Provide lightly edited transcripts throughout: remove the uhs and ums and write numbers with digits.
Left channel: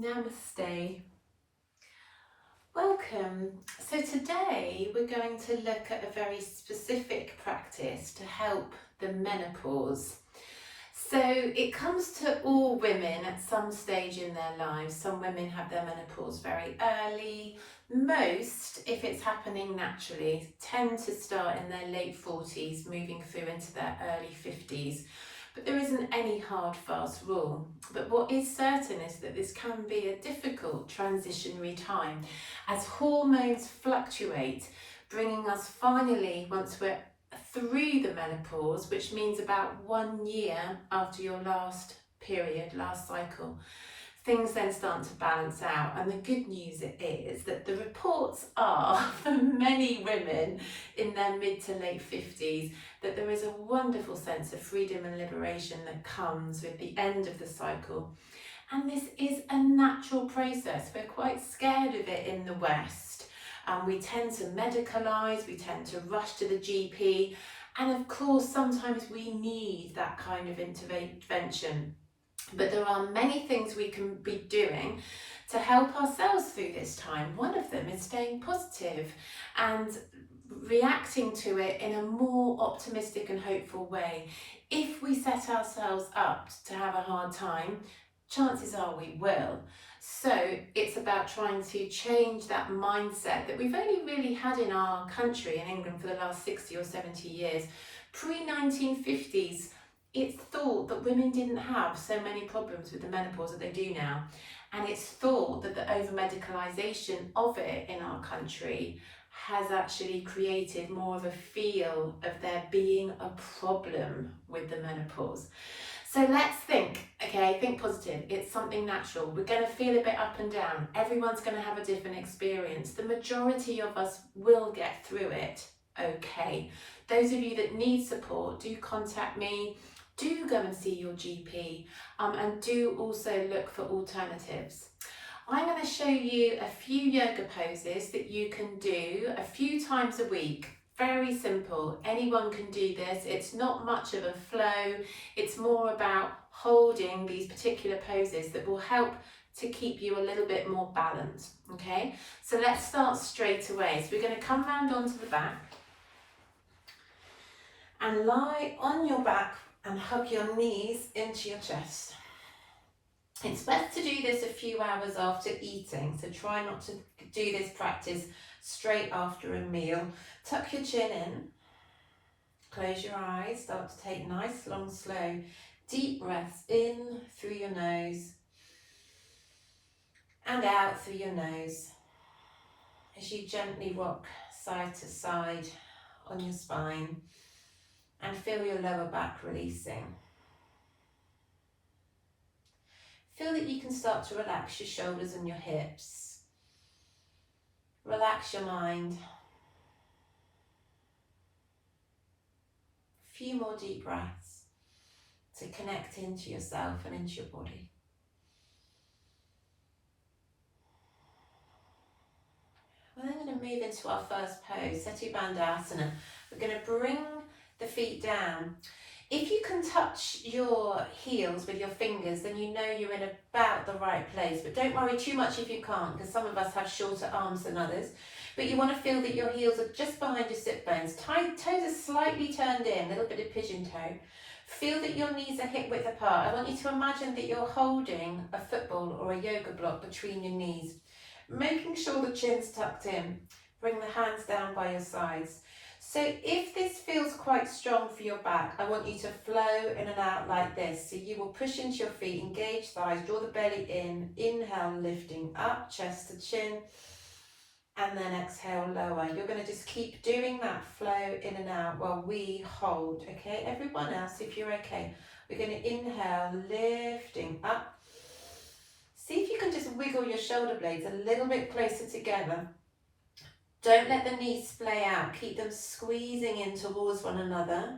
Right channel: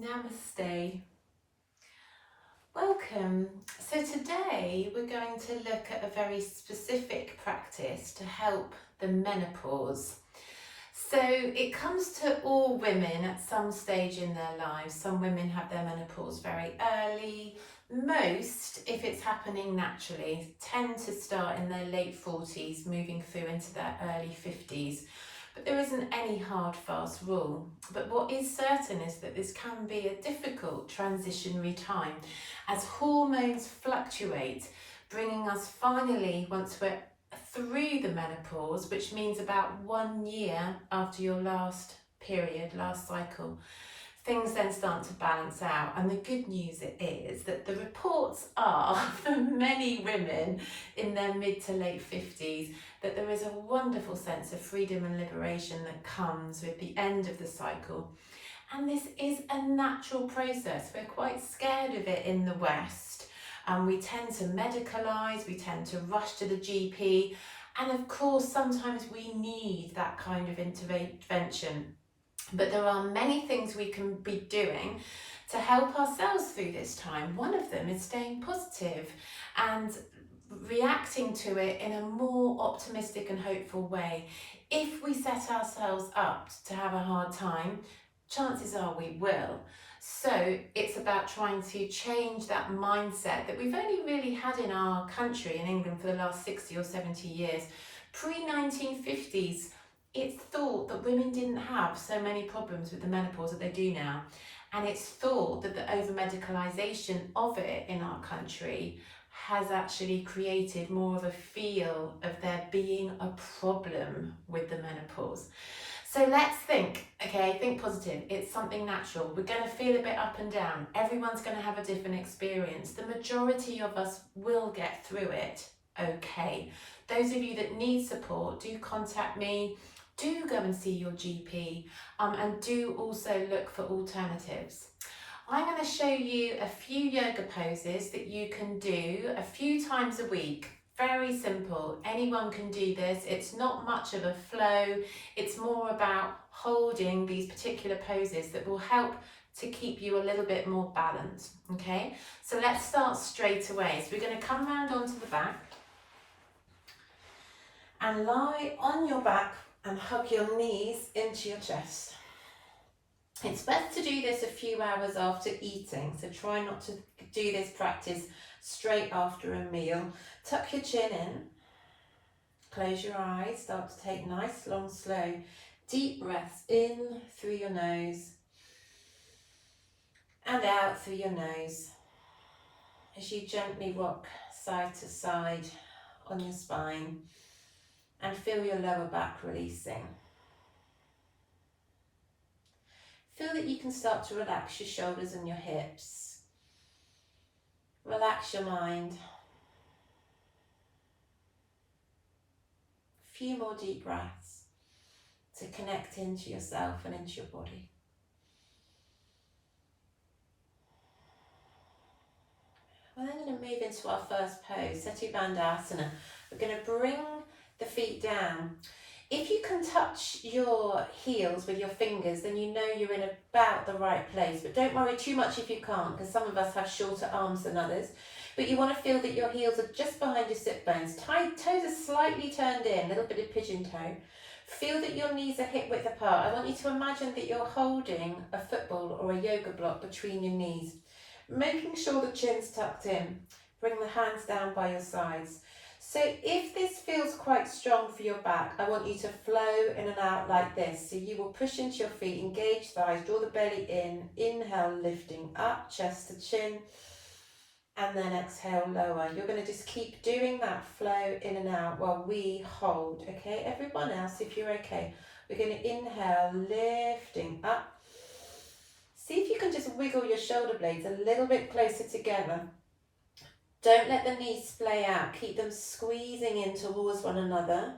Namaste. Welcome. So today we're going to look at a very specific practice to help the menopause. So it comes to all women at some stage in their lives. Some women have their menopause very early. Most, if it's happening naturally, tend to start in their late 40s, moving through into their early 50s. But there isn't any hard, fast rule. But what is certain is that this can be a difficult transitionary time as hormones fluctuate, bringing us finally, once we're through the menopause, which means about 1 year after your last period, last cycle, things then start to balance out. And the good news is that the reports are, for many women in their mid to late 50s, that there is a wonderful sense of freedom and liberation that comes with the end of the cycle. And this is a natural process. We're quite scared of it in the West. We tend to medicalise, we tend to rush to the GP. And of course, sometimes we need that kind of intervention. But there are many things we can be doing to help ourselves through this time. One of them is staying positive and reacting to it in a more optimistic and hopeful way. If we set ourselves up to have a hard time, chances are we will. So it's about trying to change that mindset that we've only really had in our country, in England, for the last 60 or 70 years. Pre-1950s, it's thought that women didn't have so many problems with the menopause that they do now. And it's thought that the over-medicalisation of it in our country has actually created more of a feel of there being a problem with the menopause. So let's think positive. It's something natural. We're going to feel a bit up and down. Everyone's going to have a different experience. The majority of us will get through it okay. Those of you that need support, do contact me. Do go and see your GP, and do also look for alternatives. I'm going to show you a few yoga poses that you can do a few times a week. Very simple. Anyone can do this. It's not much of a flow. It's more about holding these particular poses that will help to keep you a little bit more balanced. Okay, so let's start straight away. So we're going to come round onto the back and lie on your back and hug your knees into your chest. It's best to do this a few hours after eating, so try not to do this practice straight after a meal. Tuck your chin in, close your eyes, start to take nice, long, slow, deep breaths in through your nose and out through your nose as you gently rock side to side on your spine and feel your lower back releasing. Feel that you can start to relax your shoulders and your hips. Relax your mind. A few more deep breaths to connect into yourself and into your body. We're then going to move into our first pose, Setu Bandhasana. We're going to bring the feet down. If you can touch your heels with your fingers, then you know you're in about the right place. But don't worry too much if you can't, because some of us have shorter arms than others. But you want to feel that your heels are just behind your sit bones. Toes are slightly turned in, a little bit of pigeon toe. Feel that your knees are hip width apart. I want you to imagine that you're holding a football or a yoga block between your knees, making sure the chin's tucked in. Bring the hands down by your sides. So if this feels quite strong for your back, I want you to flow in and out like this. So you will push into your feet, engage thighs, draw the belly in, inhale, lifting up, chest to chin, and then exhale, lower. You're going to just keep doing that flow in and out while we hold, okay? Everyone else, if you're okay, we're going to inhale, lifting up. See if you can just wiggle your shoulder blades a little bit closer together. Don't let the knees splay out, keep them squeezing in towards one another,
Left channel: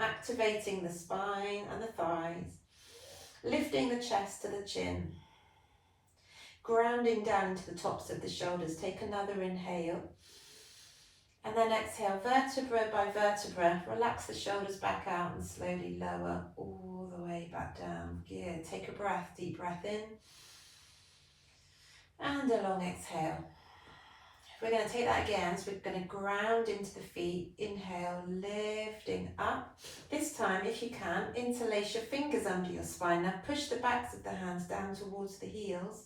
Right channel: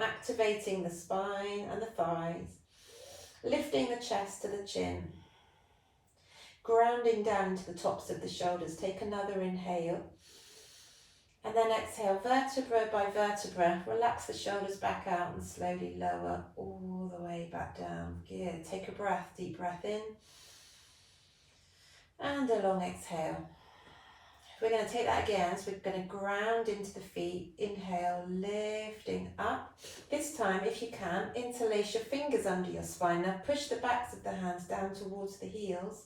activating the spine and the thighs, lifting the chest to the chin, grounding down into the tops of the shoulders. Take another inhale, and then exhale, vertebra by vertebra. Relax the shoulders back out and slowly lower all the way back down. Good. Take a breath, deep breath in. And a long exhale. We're going to take that again, so we're going to ground into the feet. Inhale, lifting up. This time, if you can, interlace your fingers under your spine. Now push the backs of the hands down towards the heels.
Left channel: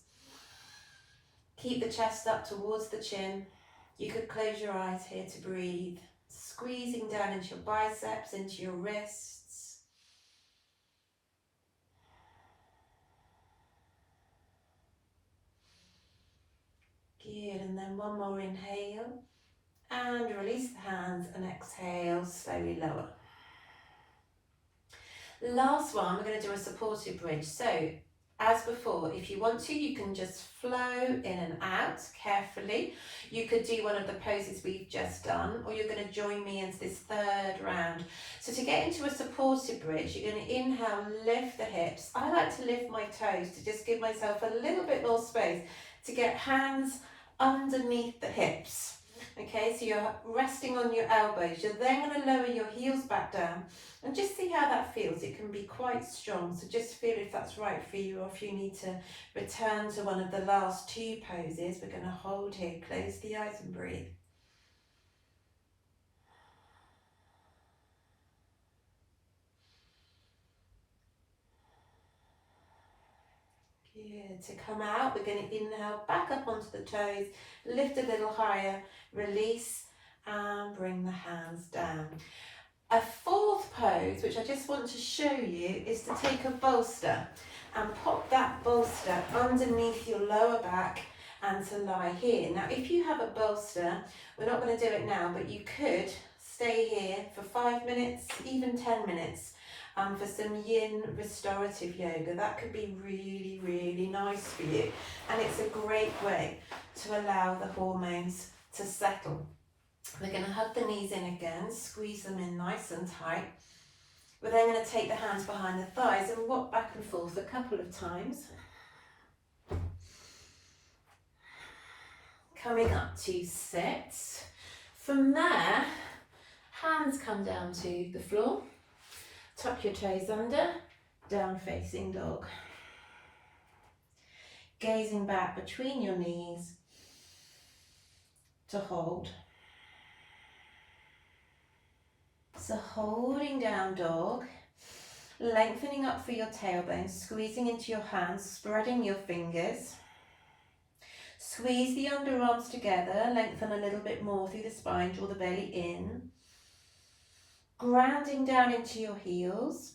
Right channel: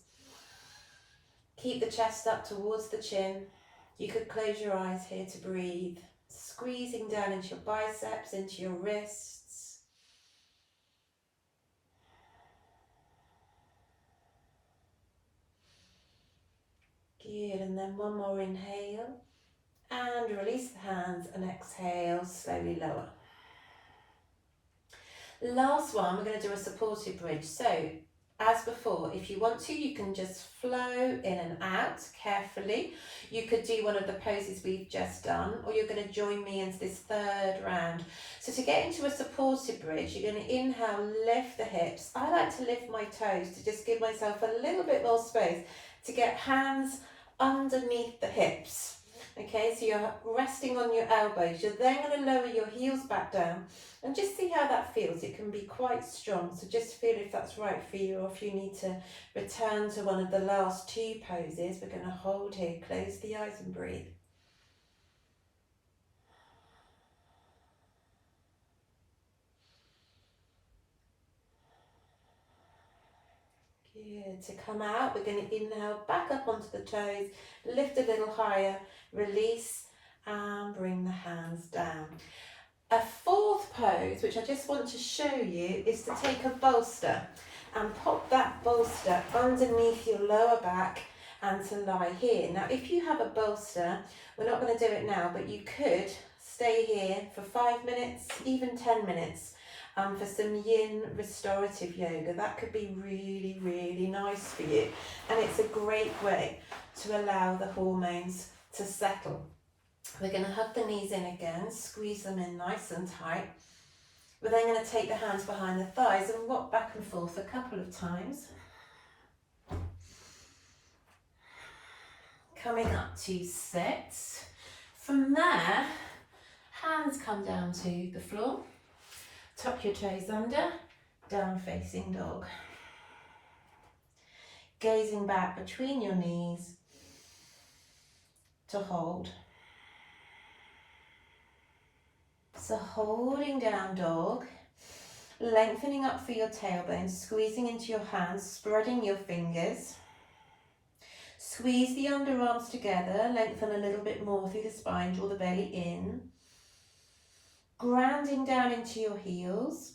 Keep the chest up towards the chin. You could close your eyes here to breathe. Squeezing down into your biceps, into your wrists. Good, and then one more inhale. And release the hands and exhale, slowly lower. Last one, we're going to do a supported bridge. So, as before, if you want to, you can just flow in and out carefully. You could do one of the poses we've just done, or you're going to join me into this third round. So to get into a supported bridge, you're going to inhale, lift the hips. I like to lift my toes to just give myself a little bit more space to get hands underneath the hips. Okay, so you're resting on your elbows. You're then going to lower your heels back down and just see how that feels. It can be quite strong, so just feel if that's right for you, or if you need to return to one of the last two poses. We're going to hold here, close the eyes and breathe. Good. To come out, we're going to inhale back up onto the toes, lift a little higher, release, and bring the hands down. A fourth pose, which I just want to show you, is to take a bolster and pop that bolster underneath your lower back and to lie here. Now, if you have a bolster, we're not going to do it now, but you could stay here for 5 minutes, even 10 minutes, for some yin restorative yoga. That could be really, really nice for you. And it's a great way to allow the hormones to settle. We're going to hug the knees in again, squeeze them in nice and tight. We're then going to take the hands behind the thighs and rock back and forth a couple of times. Coming up to sit. From there, hands come down to the floor. Tuck your toes under, down facing dog. Gazing back between your knees to hold. So holding down dog, lengthening up through your tailbone, squeezing into your hands, spreading your fingers. Squeeze the underarms together, lengthen a little bit more through the spine, draw the belly in. Grounding down into your heels.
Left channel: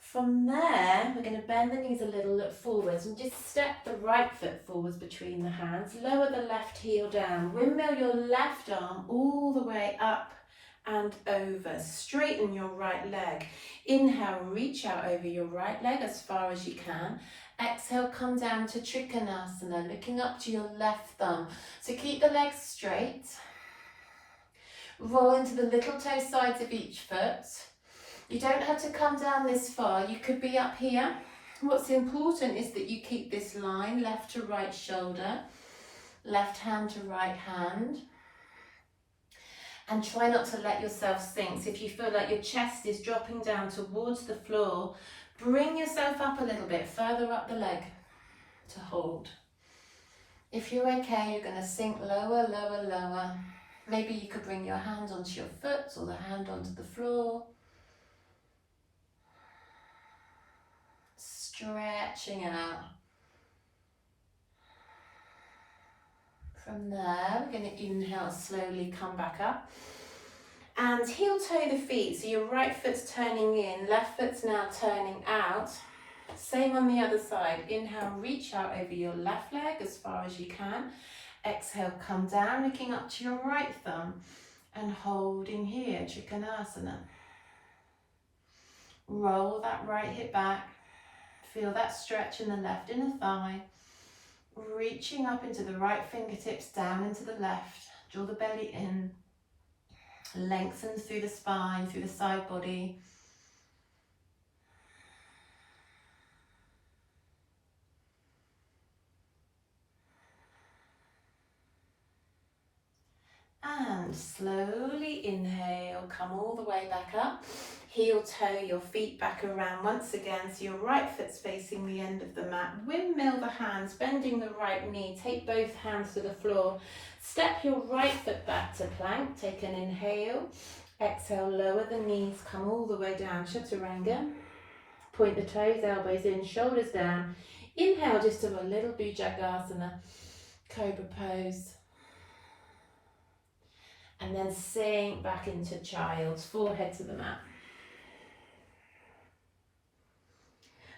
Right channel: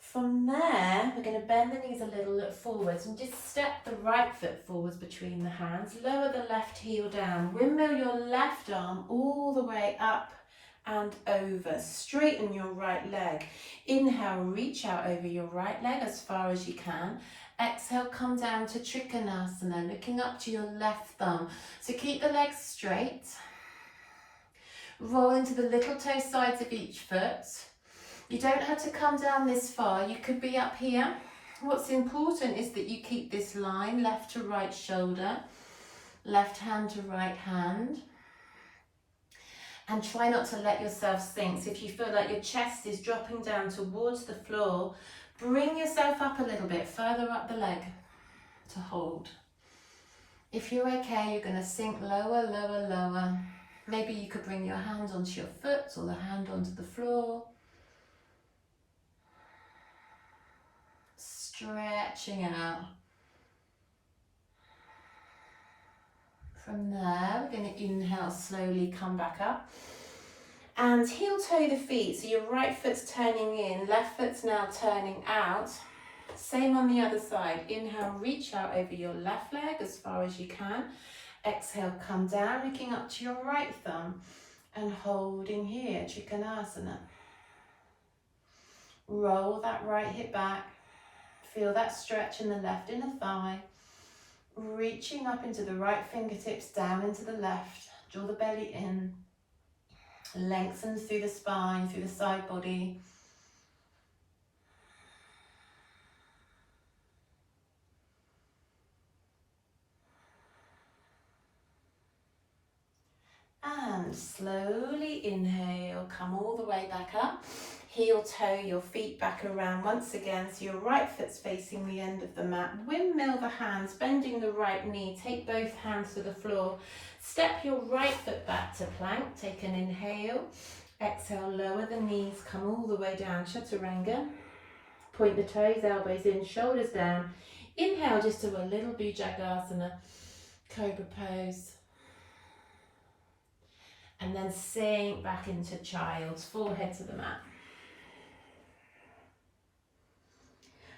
From there, we're going to bend the knees a little, look forwards, and just step the right foot forwards between the hands. Lower the left heel down. Windmill your left arm all the way up and over. Straighten your right leg. Inhale, reach out over your right leg as far as you can. Exhale, come down to Trikonasana, looking up to your left thumb. So keep the legs straight. Roll into the little toe sides of each foot. You don't have to come down this far, you could be up here. What's important is that you keep this line, left to right shoulder, left hand to right hand. And try not to let yourself sink. So if you feel like your chest is dropping down towards the floor, bring yourself up a little bit, further up the leg to hold. If you're okay, you're going to sink lower, lower, lower. Maybe you could bring your hand onto your foot or the hand onto the floor. Stretching out. From there, we're going to inhale, slowly come back up. And heel toe the feet, so your right foot's turning in, left foot's now turning out. Same on the other side. Inhale, reach out over your left leg as far as you can. Exhale, come down, looking up to your right thumb and holding here, Trikonasana. Roll that right hip back. Feel that stretch in the left inner thigh. Reaching up into the right fingertips, down into the left. Draw the belly in. Lengthen through the spine, through the side body. And slowly inhale, come all the way back up. Heel toe your feet back around once again, so your right foot's facing the end of the mat. Windmill the hands, bending the right knee. Take both hands to the floor. Step your right foot back to plank. Take an inhale. Exhale, lower the knees, come all the way down, chaturanga. Point the toes, elbows in, shoulders down. Inhale just to a little bhujangasana, cobra pose. And then sink back into child's, forehead to the mat.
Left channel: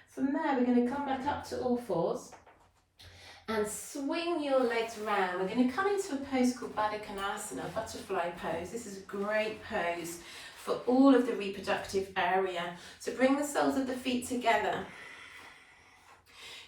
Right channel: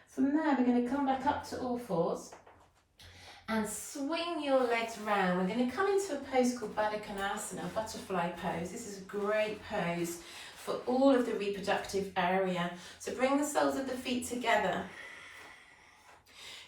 From there, we're going to come back up to all fours and swing your legs round. We're going to come into a pose called Baddha Konasana, butterfly pose. This is a great pose for all of the reproductive area. So bring the soles of the feet together.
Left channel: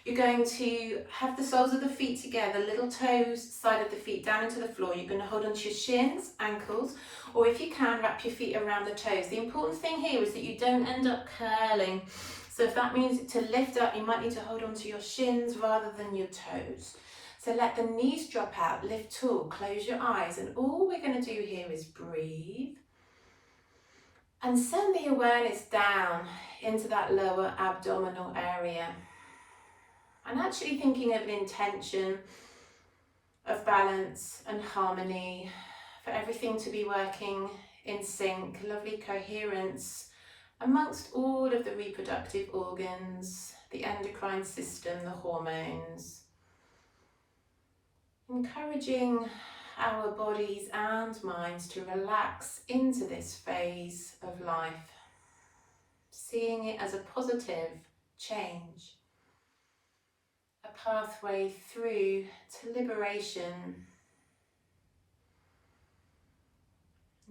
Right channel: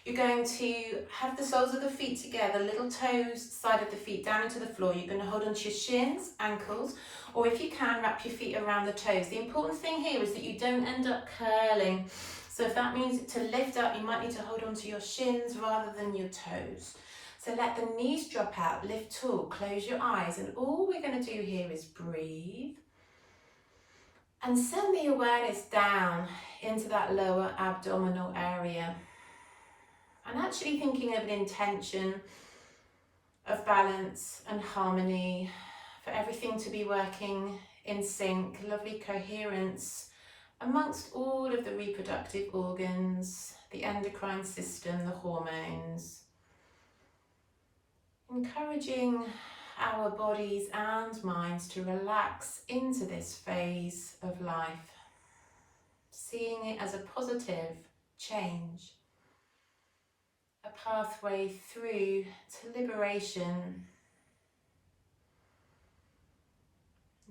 You're going to have the soles of the feet together, little toes, side of the feet down into the floor. You're going to hold onto your shins, ankles, or if you can, wrap your feet around the toes. The important thing here is that you don't end up curling. So if that means to lift up, you might need to hold onto your shins rather than your toes. So let the knees drop out, lift tall, close your eyes, and all we're going to do here is breathe and send the awareness down into that lower abdominal area. And actually thinking of an intention of balance and harmony, for everything to be working in sync, lovely coherence amongst all of the reproductive organs, the endocrine system, the hormones. Encouraging our bodies and minds to relax into this phase of life, seeing it as a positive change, a pathway through to liberation,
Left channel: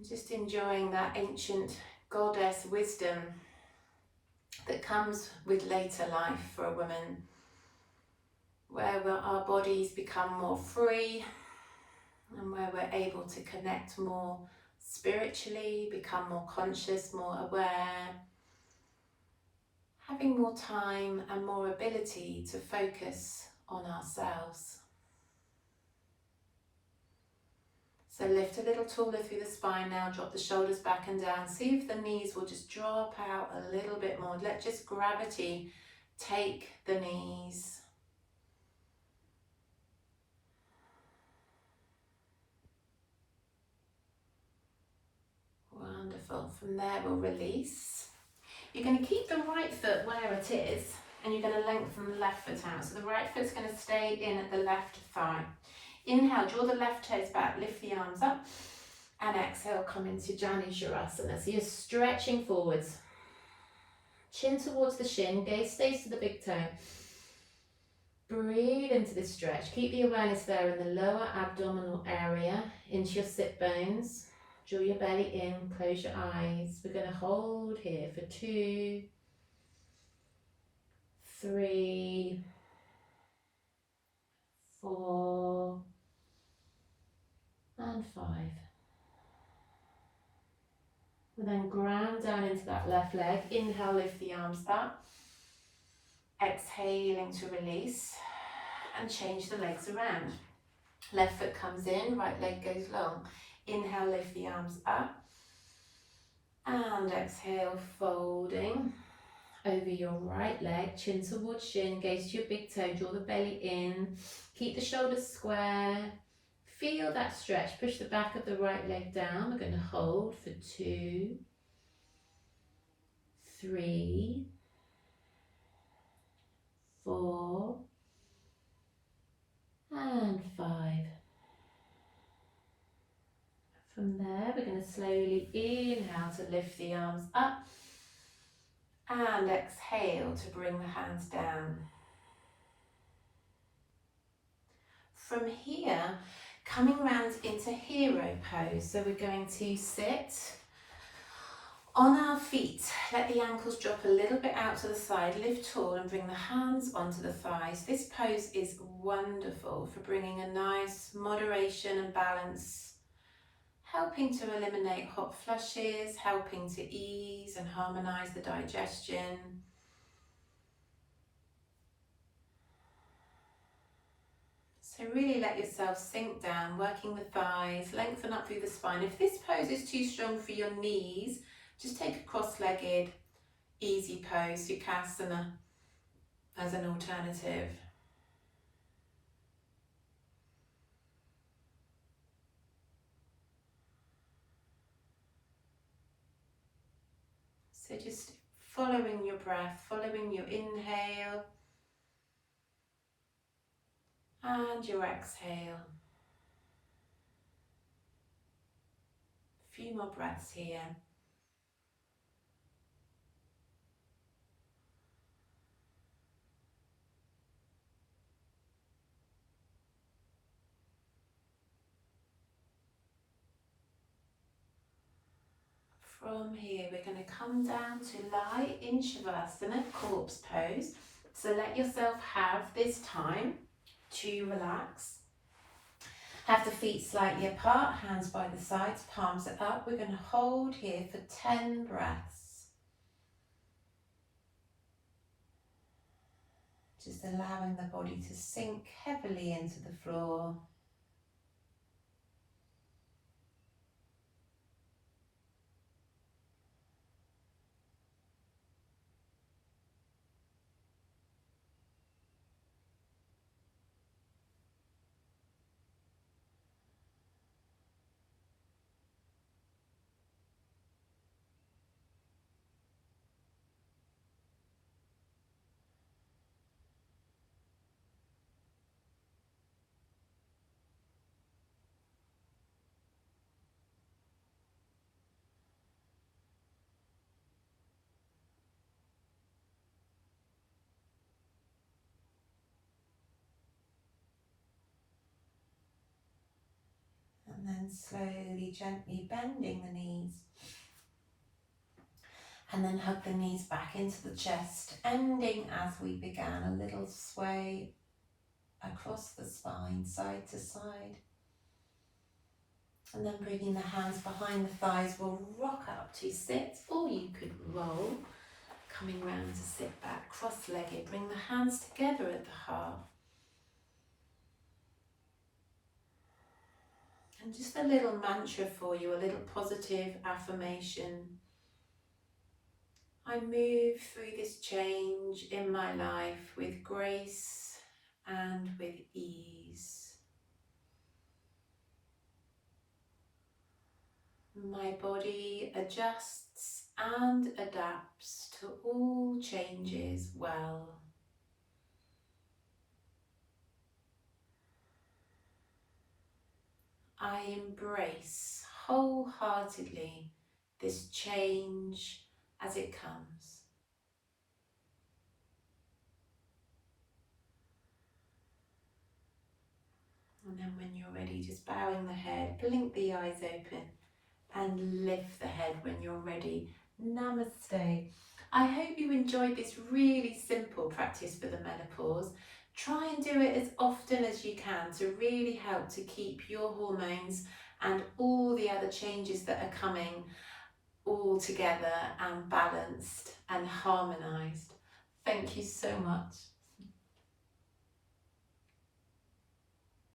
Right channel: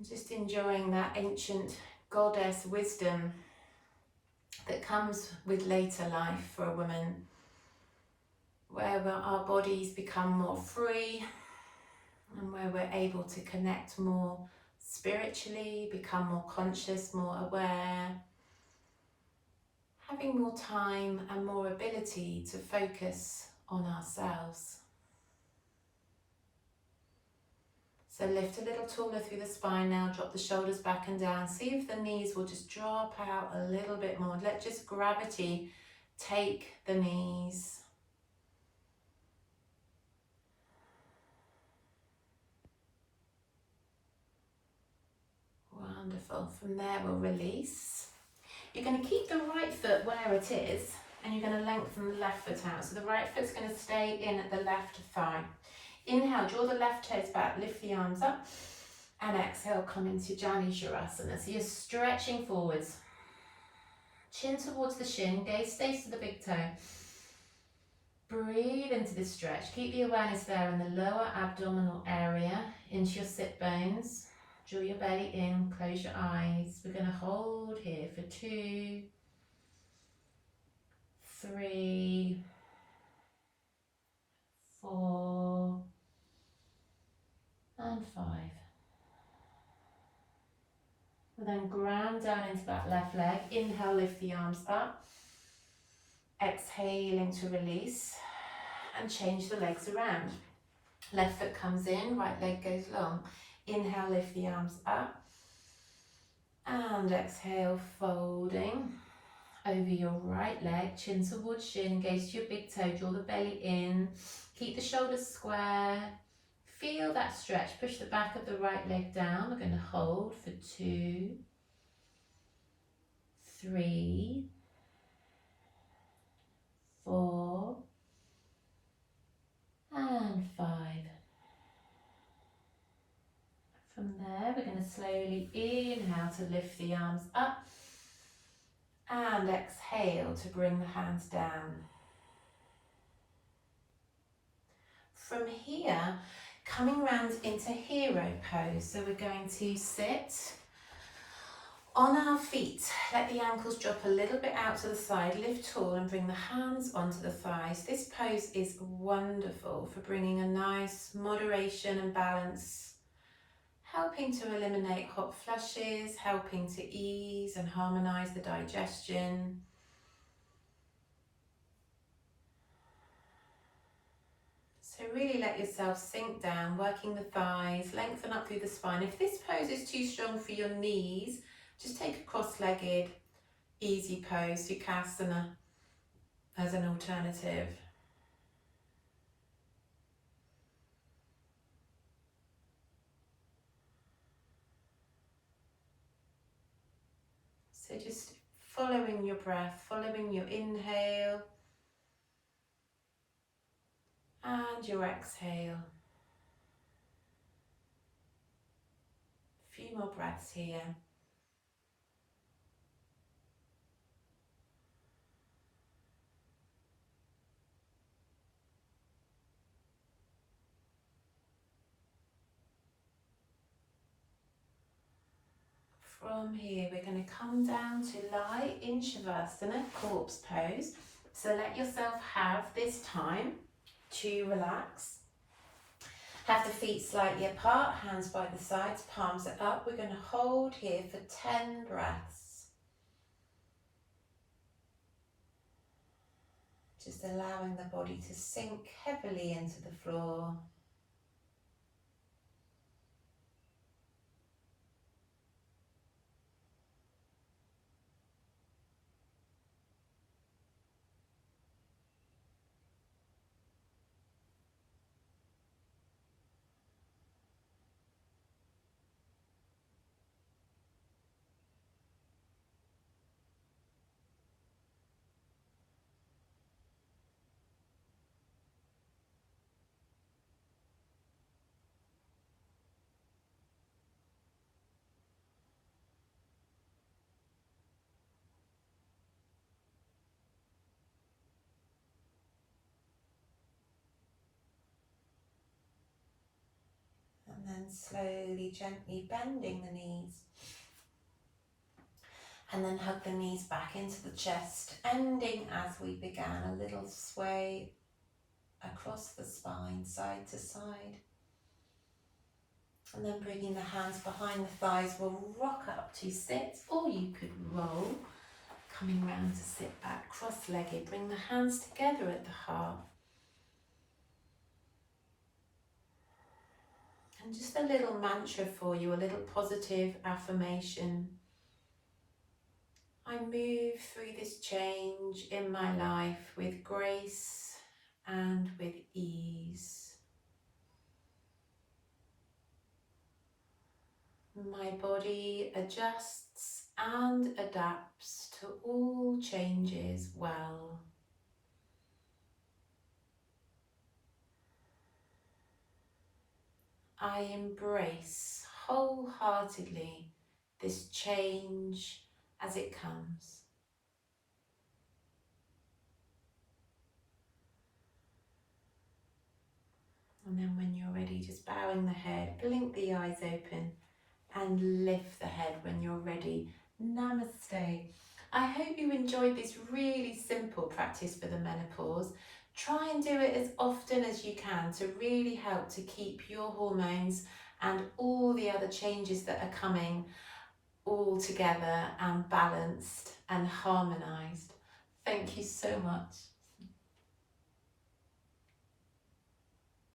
just enjoying that ancient goddess wisdom that comes with later life for a woman, where our bodies become more free and where we're able to connect more spiritually, become more conscious, more aware, having more time and more ability to focus on ourselves. So lift a little taller through the spine now, drop the shoulders back and down. See if the knees will just drop out a little bit more. Let just gravity take the knees. Wonderful. From there we'll release. You're going to keep the right foot where it is and you're going to lengthen the left foot out. So the right foot's going to stay in at the left thigh. Inhale, draw the left toes back, lift the arms up, and exhale, come into Janu Shavasana. So you're stretching forwards, chin towards the shin, gaze stays to the big toe. Breathe into this stretch. Keep the awareness there in the lower abdominal area, into your sit bones. Draw your belly in, close your eyes. We're going to hold here for 2, 3, 4, and 5. And then ground down into that left leg. Inhale, lift the arms up. Exhaling to release. And change the legs around. Left foot comes in, right leg goes long. Inhale, lift the arms up. And exhale, folding over your right leg, chin towards shin, gaze to your big toe, draw the belly in. Keep the shoulders square. Feel that stretch, push the back of the right leg down. We're going to hold for 2, 3, 4, and 5. From there, we're going to slowly inhale to lift the arms up and exhale to bring the hands down. From here, coming round into hero pose. So we're going to sit on our feet. Let the ankles drop a little bit out to the side, lift tall and bring the hands onto the thighs. This pose is wonderful for bringing a nice moderation and balance, helping to eliminate hot flushes, helping to ease and harmonise the digestion. So really let yourself sink down, working the thighs, lengthen up through the spine. If this pose is too strong for your knees, Just take a cross-legged, easy pose, Sukhasana, as an alternative. So just following your breath, following your inhale and your exhale. A few more breaths here. From here, we're going to come down to lie in Shavasana, corpse pose. So let yourself have this time to relax. Have the feet slightly apart, hands by the sides, palms are up. We're going to hold here for 10 breaths. Just allowing the body to sink heavily into the floor. And then slowly, gently bending the knees. And then hug the knees back into the chest, ending as we began, a little sway across the spine, side to side. And then bringing the hands behind the thighs, we'll rock up to sit, or you could roll, coming round to sit back, cross-legged. Bring the hands together at the heart. And just a little mantra for you, a little positive affirmation. I move through this change in my life with grace and with ease. My body adjusts and adapts to all changes well. I embrace wholeheartedly this change as it comes. And then when you're ready, just bowing the head, blink the eyes open and lift the head when you're ready. Namaste. I hope you enjoyed this really simple practice for the menopause. Try and do it as often as you can to really help to keep your hormones and all the other changes that are coming all together and balanced and harmonised. Thank you so much.